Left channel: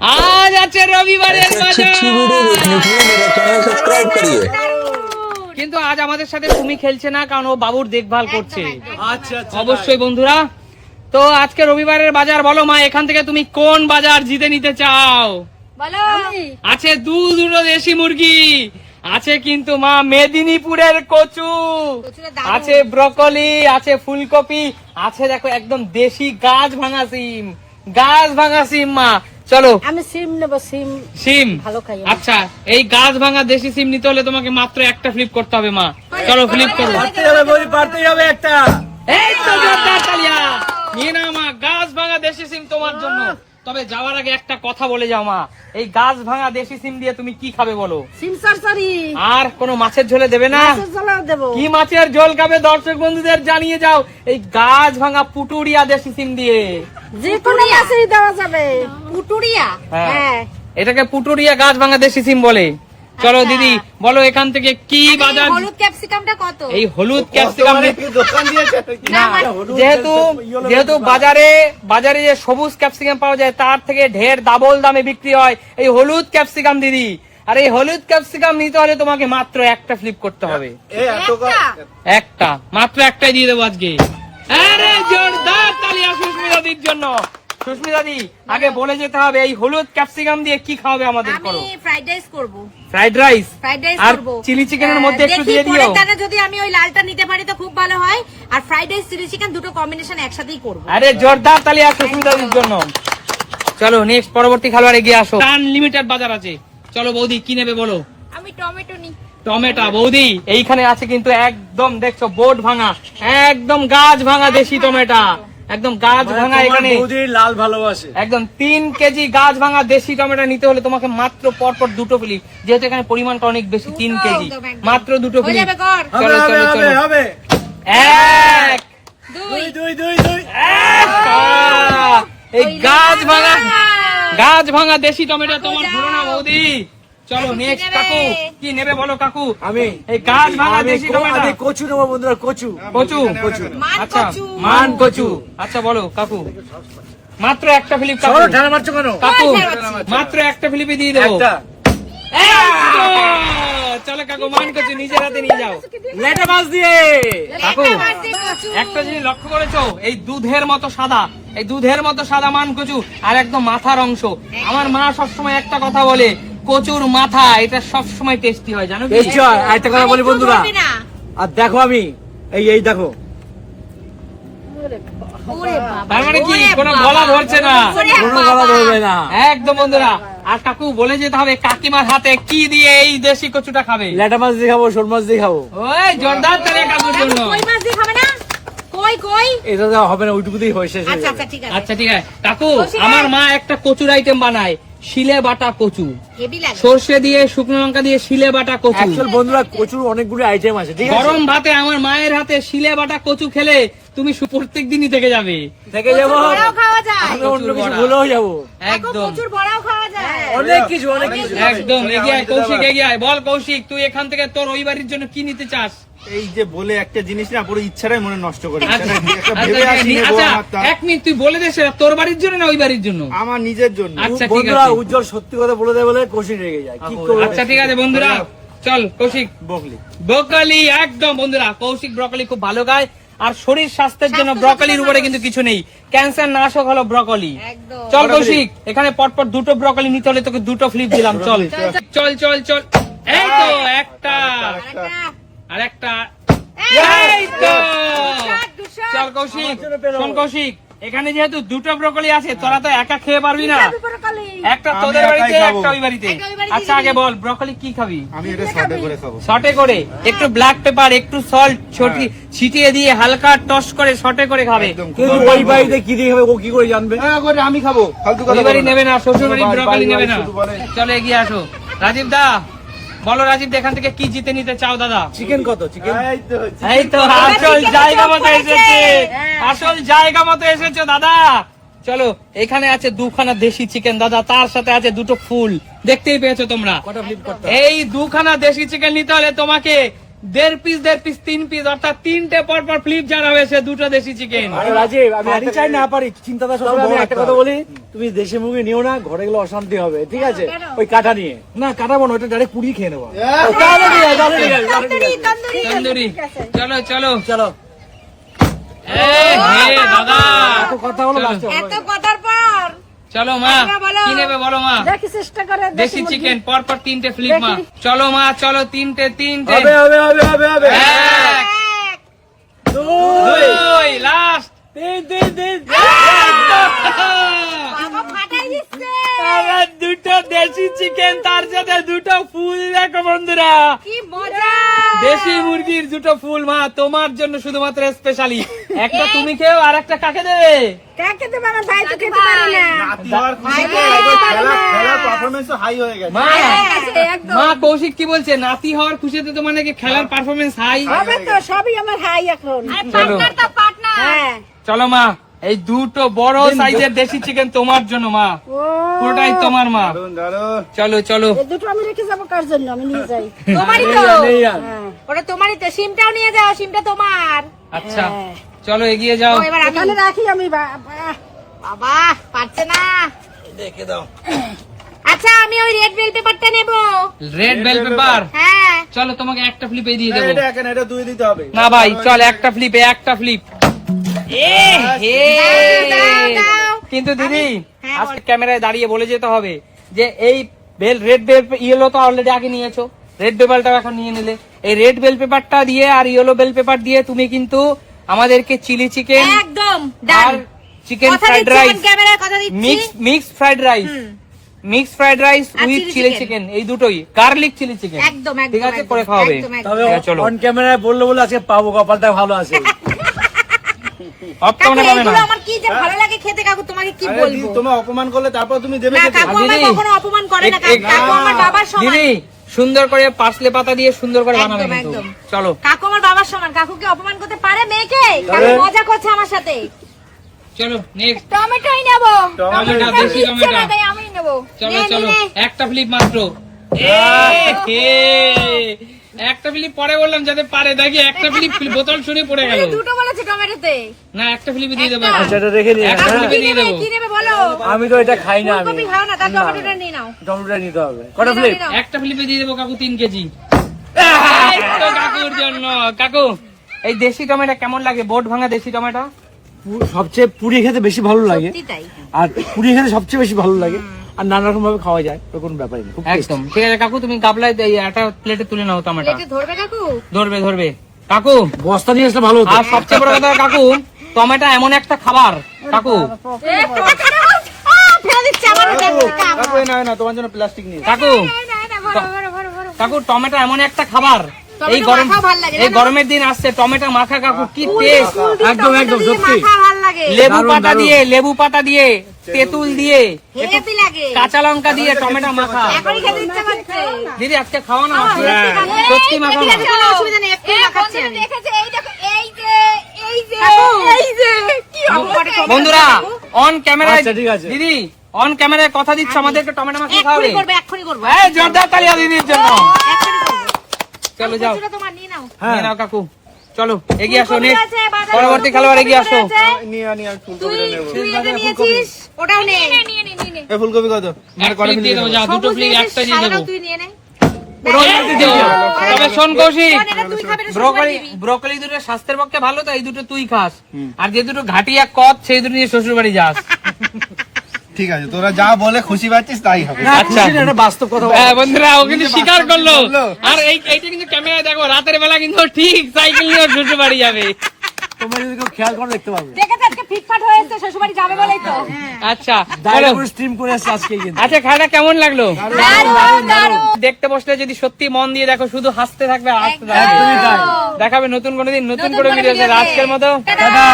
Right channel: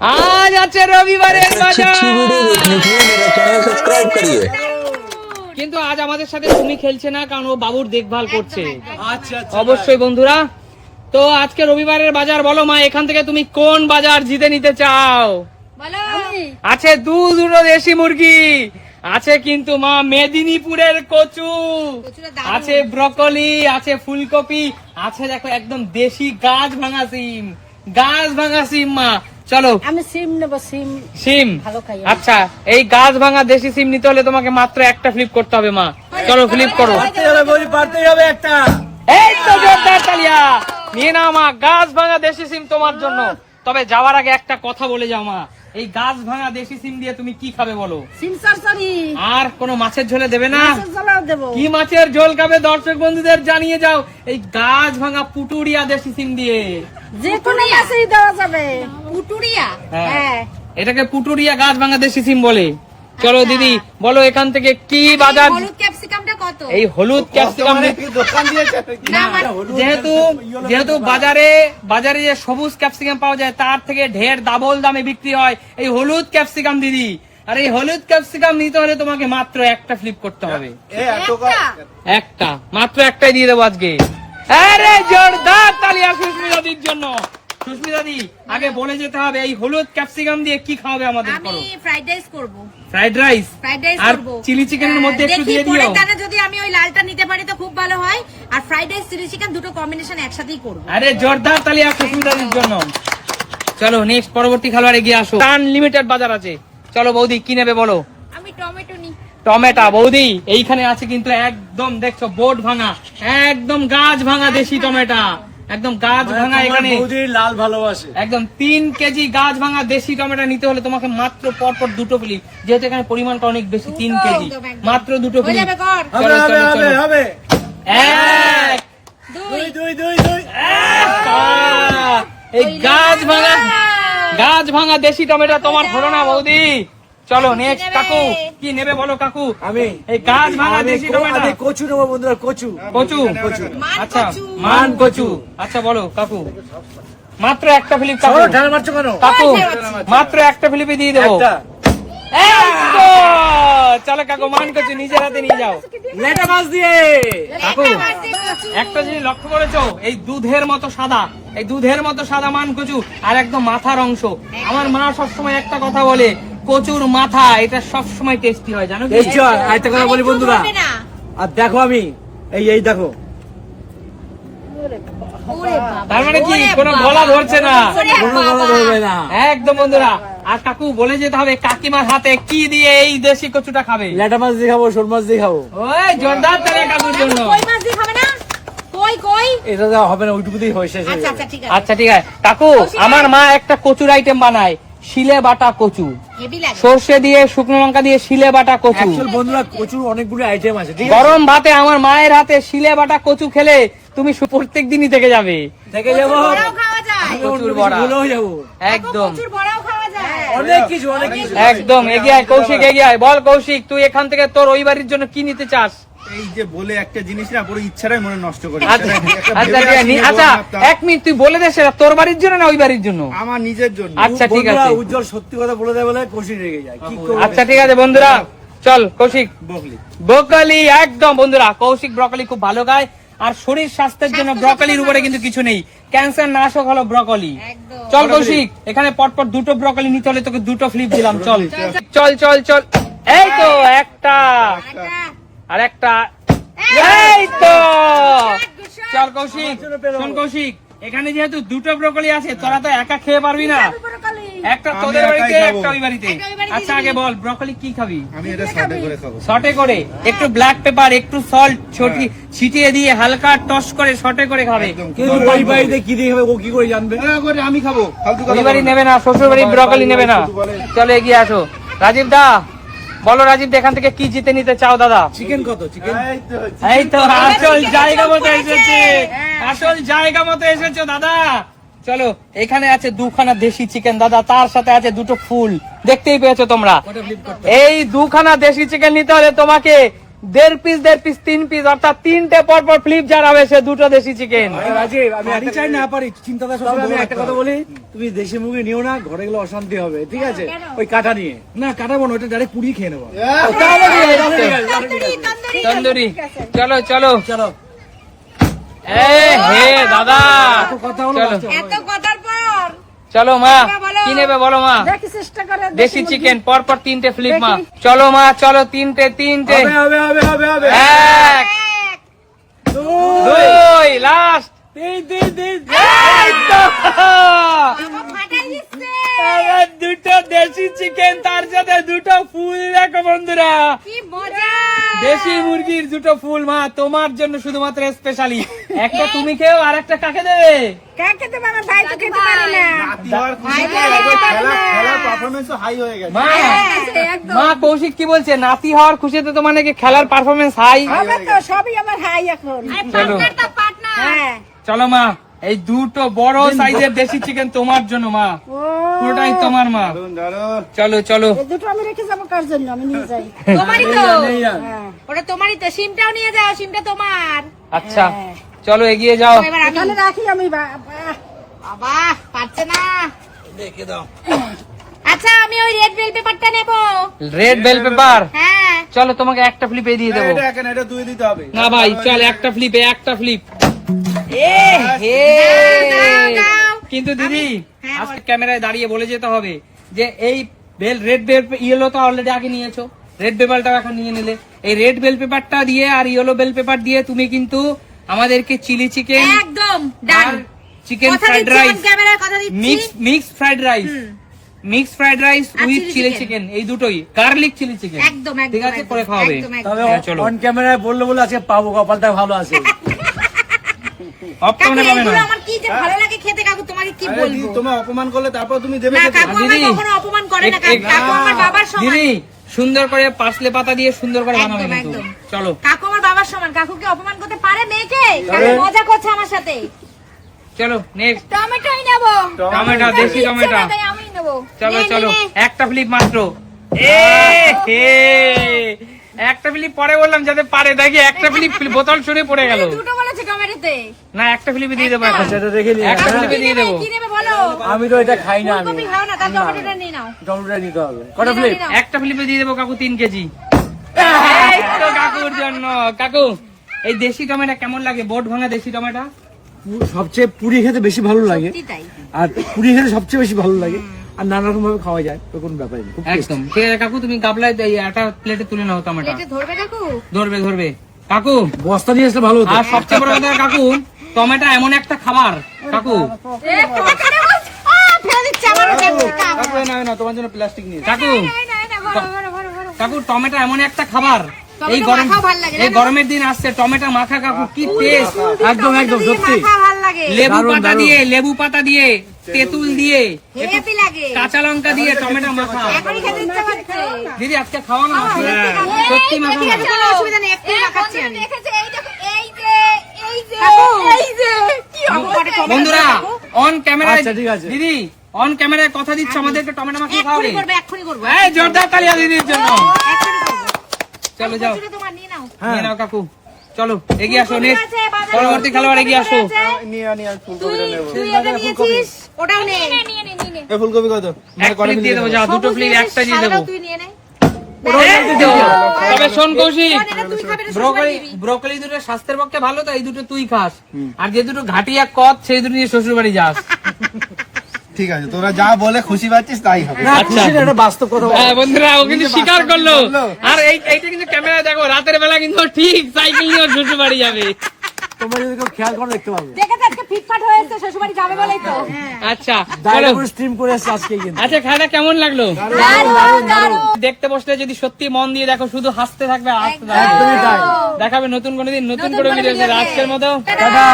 आज আছে রবিবারের বাজার। কিন্তু আজ আমাদের সাথে তুমি খেলছে না, কারণ ও বাবুর দেখভাল করছে। অবশ্যই বন্ধুরা, তো আজকে রবিবারের বাজার বলো মা, এখান থেকে তুমি কোন বাজার জিতে নিতে চাও? বলো। আছে দুটো দেশি মুরগি, আছে কিন্তু মা মেদিনীপুরের কচু, আছে ব্রকলি, আছে ফুলকপি, আছে দেখো একদম দেশি গাছ ভাঙা সিম, গাছ ভাঙা সিম। মা চলো আমি সিম নেব, সিম সিম। ভালো খাই। আচ্ছা, এই গাছ ভাঙা দেশি সিম নিতে হলে তোমাকে মাত্র একটা ফ্লিপ করতে হবে মা। চলো ফ্লিপ করো। পারতেই হবে একটা। এই তো জোরদার তালিয়া, নিয়ে নাও মা, গাছ ভাঙা দেশি সিম তোমার জন্য। তবে যাওয়ার আগে একটা কথা বলে যাও মা, এই গাছ ভাঙা দেশি সিম দিয়ে তুমি কি খাবে বলো? সিম সরসরি আর কোনো মাছের ঝোলে দেবে না? মাছের ঝোলও দেব। কি মাছের ঝোল খাবে দর্শক বন্ধুদের জানিয়ে যাও এই গাছ ভাঙা পুটুরিয়া দেশি সিম দিয়ে। যে কোনো মাছেই দেওয়া যাবে। পুটুরিয়া? হ্যাঁ, হ্যাঁ। এটাকে পুটুরিয়া গাছ ভাঙা দেশি সিম বলে। চলো দিদি বলো এখান থেকে কি বাজার? হলুদ ক্যাপসিকামটা কত? এই হলুদ ক্যাপসিকাম দোকান দিয়েছে না, যেহেতু বাজারে যে সবুজ ক্যাপসিকাম পাওয়া যায় তার থেকে ঢের ডাবল দামে বিক্রি হয় এই হলুদ ক্যাপসিকাম দিদি। আর এই হলুদ ক্যাপসিকাম নিতে হলে তোমাকে মাত্র একটা ফ্লিপ করতে হবে। একটা, মাত্র একটাই দিয়ে দেবো আজকে। আরে জোরদার তালিয়া সুস্মিতা দির জন্য। সুস্মিতা দি, আগে বলে যেতে হবে এই হলুদ ক্যাপসিকাম দিয়ে কি খাওয়াবে আমাদের? করো আমি ফ্রাইড রাইস করব। ফ্রাইড রাইস আর করব। চিলি চিকেনের মধ্যে একটু দিয়ে দিও। দেখি যদি আমি ওই লালটা নিতে পারি তো খুব ভালো হয়। আর ফ্রাইড রাইস চিলি চিকেন দুটো কম্বিনেশন একসাথেই করব। আরে জোরদার তালিয়া সুস্মিতা দির জন্য। চলো নেক্সট পরবর্তী খেলোয়াড় এগিয়ে আসো। আনলিমিটেড বাজার আছে। চলো বৌদি কি নেবে বলো? আমি টমেটো নিই। টমেটো বৌদি এইখানে আছে কিন্তু একদম দেখছো বোর্ড ভাঙা, একদম গাছ ভাঙা দেশি টমেটো, একদম গাছ ভাঙা। এখানে লাল ভালোবাসে। একদম 3 কেজি গাছ ভাঙা দেশি টমেটো নিতে হলে তোমাকে মাত্র পরপর দুটো ফ্লিপ, যেহেতু এখানে পরিমাণটা অনেক বেশি 3 কেজি, মাত্র দুটো ফ্লিপ। হবে হবে হবে হবে। এক দুই। এই গাছ ভাঙা দেশি টমেটো তোমার হলো না বৌদি। চলো নেক্সট কাকু কি নেবে বলো? কাকু আমি এই গাছ ভাঙা দেশি টমেটো। কচু নেবো বন্ধুরা, কচু। আচ্ছা মান কচু। আচ্ছা বলো কাকু, মাত্র একটা ফ্লিপ কাকু। ঠান্ডা মারছো কেন? কাকু মাত্র একটা ফ্লিপে দিয়ে দেবো। চলো কাকু মান কচু নিজের হাতে নিয়ে যাও। লেটা মাছ দিয়ে। কাকু একটা জিনিস লক্ষ্য করেছো, এই দুধের মতো সাদা, এই দুধের মতো সাদা মান কচু আর একদম মাথার অংশ। আমার মা সবসময় একটা কথা বলে, কচুর মাথা এটা সবসময় টেস্টি হয়, জানো কি? একটা কথা বলি বন্ধুরা, আর দেখো আমি এই দেখো, তার মানে কি কোনো গলা ধরছে না? কোনো গলা ধরবে না একদম বন্ধুরা। আর কাকু বলে যেতে হবে কাকিমার হাতে কি দিয়ে এই দেশি কচুটা খাবে? লেটা মাছ দিয়ে খাবো, শোল মাছ দিয়ে খাবো। ওই জোরদার তালে কাকুর জন্য। কই মাছ দিয়ে খাবে না? কই এটা দেওয়া হবে না, ওইটুকুতেই হয় শেষ। আচ্ছা আচ্ছা ঠিক আছে। আচ্ছা ঠিক আছে কাকু, আমার মা একটা কচুর আইটেম বানায়, শিলে বাটা কচু, হেভি লাগে। সর্ষে দিয়ে শুকনো লঙ্কা দিয়ে শিলে বাটা কচু। অ্যাকচুয়াল বন্ধুরা কচুর অনেকগুলো আইটেম আছে, ঠিক আছে? গরম ভাতে আমার মায়ের হাতে শিলে বাটা কচু খেলে তুমি প্রত্যেক দিনই থেকে যাবে। থেকে যাবো, বড়াও খাওয়া যায়। আমি অন্য কিছু ভুলেও যাবো। একদম প্রচুর বড়াও খাওয়া যায়। অনেক কিছু একদম এগিয়ে আয় কৌশিক, এগিয়ে আয়। বল কৌশিক, তুই এখান থেকে তোর ওই বাড়ির জন্য কি নিতে চাস? এই যে বলে একটা জিনিস না পুরো ইচ্ছাটাই মনে নষ্ট করে আচ্ছা 1 মিনিট তুই বলে দে, সেটা তোর বাড়ির জন্য না ওই বাড়ির জন্য? আমার নিজের জন্য। আচ্ছা ঠিক বন্ধুরা আছে। উজ্জ্বল সত্যি কথা বলে দেয় বলে কষি রেগে যায়, কি করবো? আচ্ছা ঠিক আছে বন্ধুরা, চল কৌশিক। বকলি ব্রকলি, একদম বন্ধুরা কৌশিক ব্রকলি খুব ভালো গায়। আর শরীর স্বাস্থ্যের জন্য ব্রকলির উপরে কিন্তু কিছু নেই, ক্যান্সার নাশক হলো ব্রকলি। চল কৌশিক, এখানে পরপর দুটো ব্রকলি নিতে হলে তোকে দুটো ফ্লিপ দিলাম। চল চল চল চল। এই তো একটা, আর একটা, এই তো। চল কৌশিক, শোন কৌশিক, এখানে যেহেতু দুটো ব্রকলি আছে, তোরা তো একা খেয়ে পারবি না, একটা তোদের বাড়িতে একটা ওই বাড়িতে। আচ্ছা আগে বল ব্রকলি কি খাবি? আমি এটা শর্টে করে খাবো। শর্টে করে একটু ব্ল্যাক পেপার, একটু সল্ট ছিটিয়ে দিয়ে হালকা টস করে শর্টে করে খাবে। কিন্তু ওই বাড়িতে কি দিয়ে খাবে ও কি করে জানবে? আমি খাবো, ফালতু কথা ওই বাড়ি বলো না। নেবে না, শ্বশুর বাড়ি ব্রকলি নেবে না। শুধু বলে। চলে এগিয়ে আসো। রাজীব দা বলো, রাজীব এখান থেকে কি জিতে নিতে চাও? দাদা চিকেন কত? চিকেন এই তো হচ্ছে। এই তো আসল জায়গা মতো এসেছে, আসল জায়গা মতো এসেছো দাদা। চলো এখানে আছে দুখানা দেশি চিকেন দাদা, তার সাথে আছে দুটো ফুল, দেখতেই পেয়েছো তোমরা। কটা ফ্লিপ করতে? এই দুখানা দেশি চিকেন নিতে হলে তোমাকে দেড় পিস 3 পিস, অর্থাৎ 3টে পরপর ফ্লিপ যার হবে সে 2টা দেশি চিকেন। রাজীব আমি একটা চাই না পারি চিন্তাটা সব আমি একটা কথা বলি, তুমি দেশি মুরগি নিও না, ঘরে গেলে অশান্তি হবে, ঠিক আছে? ওই কাটা নিয়ে না কাটাবো না, ওটা ডাইরেক্ট পুড়িয়ে খেয়ে নেবো। তাহলে ঠিক আছে, তাহলে ঠিক আছে, তাহলে ঠিক আছে। তন্দুরি, চলো চলো চলো হে দাদা, এত কথা হলো চলো। last এ এত কথার পর চলো মা, বলো। কি নেবে বলো মা? দেখি চেষ্টা করে দেশি চিকেন পরপর 3টে ফ্লিপ মা। চলো মা, চলো 3টে হবে হবে হবে হবে হবে। এক, দুই, লাস্ট তিন। বাবা ফাটাই দিচ্ছে। আবার 2টো দেশি চিকেন, তার সাথে 2টো ফুল। দেখো বন্ধুরা, কি মজা। দেশি মুরগির 2টো ফুল মা তোমার জন্য শুধুমাত্র স্পেশালি। একটা তুমি খেও, আর একটা কাকে দেবে? কাকে দেবো? আমার ভাই তো খেতে পারে না। নাতি হওয়ার খুশিতে একবার খেলার পারফরমেন্সও হাই হয়ে গেছে। মা মা কৌশিক কি বলছে? নাতি হওয়ার খুশিতে তোমার নাকি খেলার পারফরমেন্স হাই। হবে তো, সবই আমার হাই এখন। চলো হ্যাঁ। চলো মা, এই 2টো বড় সাইজের দেশি চিকেন তোমার জন্য মা, ও পুরোটাই তোমার মা। দারুন। চলো চলো এই দুটো আমি রেখে যাবো কার জন্য? আমি নিয়ে যাই। তোমারই তো। হ্যাঁ। ওটা তোমারই তো। সিমটাও নিয়ে যাও, সিমটা তোমার। আচ্ছা চলো এগিয়ে যাও। ও, এবার আমি। এখানে রাখি আমি। বাবা পারছে না। দেখে দাও। আচ্ছা আমি ওই রেড বেল পেপারটা নেব। রেড বেল পেপার, হ্যাঁ। চলো তোমাকে একটা ফ্লিপে দিয়ে দেবো। এটা এখানে এটা 2 দিতে হবে। না ভাই চল, একটা ফ্লিপে একটা ফ্লিপ। দাও। কিন্তু দিদি হ্যাঁ, আজকে ক্যামেরায় দাঁড়িয়ে বলে যেতে হবে যে এই রেড বেল ইয়েলো তো অলরেডি আগে নিয়েছো, রেড পেপারটাও এখন নিয়ে নিলে। এই রেড বেল পেপারটা দিয়ে আর ইয়েলো বেল পেপার দিয়ে তুমি কিন্তু আমাদেরকে চিলি চিকেন একদম আর ডান। চিকেন কথা ফ্রাইড দিচ্ছি, রাইস, on camera কথা দিচ্ছি। Mix fried rice, mix fried rice আর with chili chili chicken। Chicken, এই দুটোই গার্লিক চিলি চিকেন। একদম একদম ঠিক আছে, একদম, করে খাওয়াবে। একদম, একদম। তবে হ্যাঁ, চলো। অন ক্যামেরায় বললো বলে আজকে পাবো, কপালটা ভালো আছে। অফ কাকু, ক্যামেরা পাবে না। এগুলো আমার কি যে ভালো লাগে খেতে কাকু, তোমাকে কি আরে বলবো? দিদি, তোমায় অপমান করলে তারপর তুমি দেবে না খেতে? কাকু আমার দিদি, কখনো অপমান করে না। এক- কাকু আমার বাবার সমান। দিদি সুন্দর করে পার্সলে পাতা দিয়ে সুন্দর করে একদম, বানাবে কিন্তু। একদম। চলো কাকু আমার বাবার সমান। কাকুকে অপমান করতে পারে মেয়েকে? কাকু মজা করছে আমার সাথে। চলো নেক্সট। টমেটোই নেব। টমেটো, দেশি টমেটো। তাই আমি নেব। চলো নে, চলো, নে, নে। একটা ফ্লিপ মাত্র। একটা ফ্লিপ পরে বললাম যাতে পারে, দেখি একটা ফ্লিপ বোতল ছুঁড়ে পড়ে গেল। দুটো বলেছে টমেটোতে। না একটা ফ্লিপে দিয়ে দেবো এখন। আচ্ছা এটা রেখে নিয়ে একটা কাকু, ফ্লিপে কি দিয়ে নেবে? দেবো। কি নেবে বলো? আমি তো এটা খাই না। আমি ফুলকপি খাও না, তার টমেটোটা নিয়ে নাও। টমেটোটা নিতে হবে। কটা প্লেট? নিয়ে নাও। একটা ফ্লিপে দিয়ে দেবো কাকু 3 কেজি। এই তো কাকুর জন্য। কাকু এই দেশি টমেটো কেমন লাগে? বোট ভাঙা দেশি টমেটো। সবচেয়ে পুরি খেতে বেশি ভালো লাগে, সত্যি তাই। আর পুরি খেতে সবচেয়ে বেশি ভালো লাগে, আর নানা রকম ভাবে খাওয়া যায়, তো কোনো ব্যাপারই নেই। খুব tasty। একদম ঠিক আছে কাকু, তুমি গাবলায় একটা প্লেটে তুলে নাও টমেটো। এটা ধরবে কাকু? ধরবে ধরবে কাকু। বস্তা নিয়ে আসলে ভালো হতো। আর সবচেয়ে বড় কথা কাকু, টমেটো এমন একটা খাবার কাকু। ফেলে দিচ্ছে আমার কাকু, এই নাও, নাও, তোমার জন্য প্লাস্টিক নিয়ে এসেছি। কাকু কাকু টমেটো এমন একটা খাবার, এই টমেটো গরম মাখাও ভাল লাগে, এই জানো? গরমের দিন আসছে, টমেটো মাখা কাকু কি টেস্ট। একদম একদম সত্যি। ভাল লাগে। লেবু দারুণ, পাতা দারুণ। দিয়ে, লেবু পাতা দিয়ে, তেঁতুল দিয়ে, হেভি লাগে। কাঁচা লঙ্কা দিয়ে টমেটো মাখা। এখনই খেতে ইচ্ছে করছে। দিদি আজকে খাওয়া না এই, সত্যি মাখা ঠিক আছে, না। কোনো অসুবিধা নেই, একটু মাখাচ্ছি আমি। বন্ধুরা অন ক্যামেরায়, আচ্ছা, ঠিক আছে। দিদি অন ক্যামেরায় কথা দিচ্ছ আমাদেরকে টমেটো মাখিয়ে খাওয়াবে। এক্ষুনি করবে, এক্ষুনি করবো। এই জোরদার তালিয়া দিদির জন্য। এক্ষুনি করবো। চলো যাও, কচুটা তোমার নিয়ে নাও। নিয়ে নাও কাকু। চলো এগিয়ে আসো, ফুলকপি নেক্সট আছে, বাজারে পরবর্তী খেলোয়াড় এগিয়ে আসো। ফুলকপি আছে। নিয়ে আনি, আমি তুই ফুলকপিটা নেবো। তুই এটা নিয়েছিস, ওটাও নে। এই ফুলকপি কত? এক প্লেট দিয়ে দেবো, যাও দুটো প্লেট একটা দিয়ে দেবো। তুই নিয়ে নে। তবে শোন কৌশিক, শোন, এটা তুই খাবি, এটা ব্রোকলি শ্বশুরবাড়ি দিবি। ব্রোকলি দুটো স্বাস্থ্যের পক্ষে ভালো, তো এই দুটো তুই খাস। আর যে দুটো ঘাটিয়া কদ সেই দুটো নিয়ে শ্বশুর বাড়ি যাস। ঠিক আছে, তোরা যা বলে খুশি পাচ্ছিস তাই হবে। না খুশি না, এটা বাস্তব কথা বলো। হ্যাঁ বন্ধুরা, ও কিন্তু স্বীকার করলো। বললো। আর এইটা কিন্তু ক্যামেরায় দেখো, রাতের বেলা কিন্তু ও ঠিক সাইকেল নিয়ে ওর শ্বশুর বাড়ি যাবে। তোমরা যদি কেউ খেয়াল করো দেখতে পাবে। দেখেছে আজকে ফিটফাট হয়েছে, শ্বশুরবাড়ি যাবে বলেই তো। আচ্ছা দায়রা চলো। করে স্ট্রিম করে আসছে আজকে কিন্তু। আচ্ছা খাওয়াটা কেমন লাগলো? দারুণ, দারুণ। দেখতে বসলে যদি সত্যি মন দিয়ে দেখো, শুধু হাসতে থাকবে, হাসতে থাকবে। একদমই তাই। দেখাবে নতুন কোনো দিন নতুন নতুন করে করে ভিডিও। ভিডিওতে। আজকের মতো টাটা।